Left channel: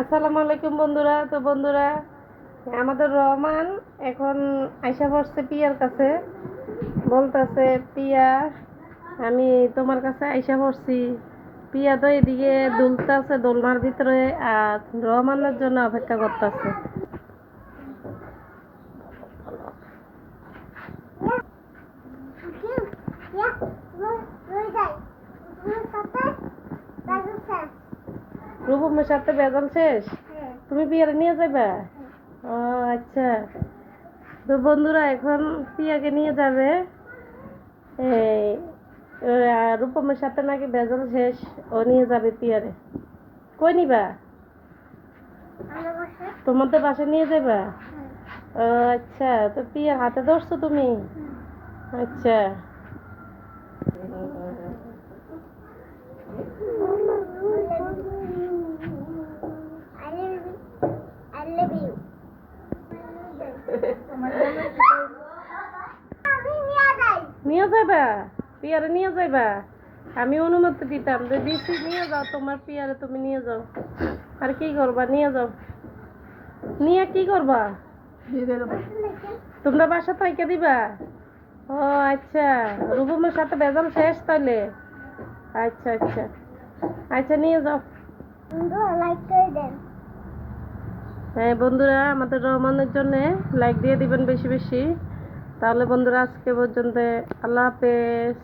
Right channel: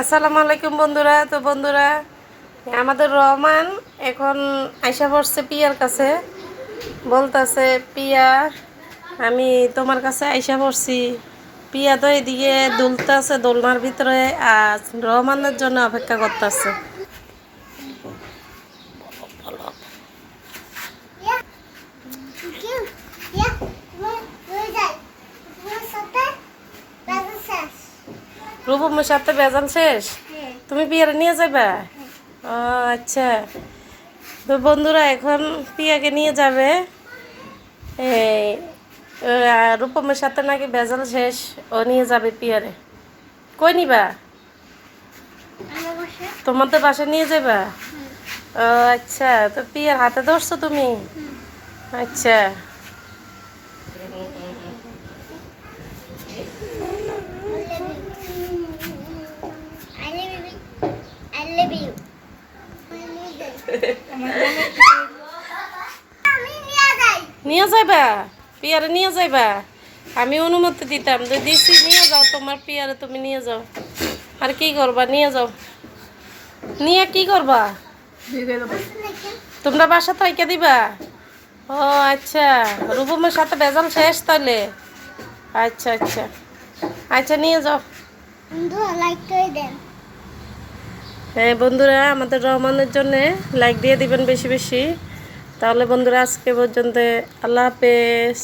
আসসালামু আলাইকুম বন্ধুরা। তো বন্ধুরা, আমাদের রহমান এখন আইসা পড়ছে পিয়ার কাছে। বলতেছে, পিয়া আমি তোমার কাছে আইসা পড়ছি। পিয়া তো এদিকে দুলতেছে দোলনার ভিতরে, আর রহমানের জন্য অপেক্ষা করতেছে। রূপমের সাথে বেজাল শেষ, তুমি পিয়ারে নিয়ে যাবে? ও আচ্ছা। তো বন্ধুরা, এখন পিয়াকে নিয়ে যাবে। এই রূপমের সাথে নাকি বেজাল শেষ, ও নিয়ে যাবে পিয়ারে। কই নিবা? তোমাদের বাসায় নিয়ে যাবা? ও আচ্ছা। তো পিয়ার হাতে ধরছো তুমি? আচ্ছা। নিয়ে যাইবা? পিয়ারে নিয়ে যাইবা? আমি অনুমতি দিতাম যে দিছি, নিয়ে যাও তোমার পিয়ারে, তুমি নিয়ে যাও। আর কি করবা? নিয়ে যাও। নিয়ে কি করবা? তোমরা বাসা থাইকে দিবা? ও আচ্ছা। রূপমের সাথে বেজাল শেষ তাহলে? আচ্ছা আচ্ছা আচ্ছা, নিয়ে যাও। হ্যাঁ বন্ধুরা, আমাদের রহমানের জন্য লাইক দিয়ে দিবেন বেশি বেশি। তাহলে বন্ধুরা, আজকে পর্যন্ত আল্লাহ হাফেজ।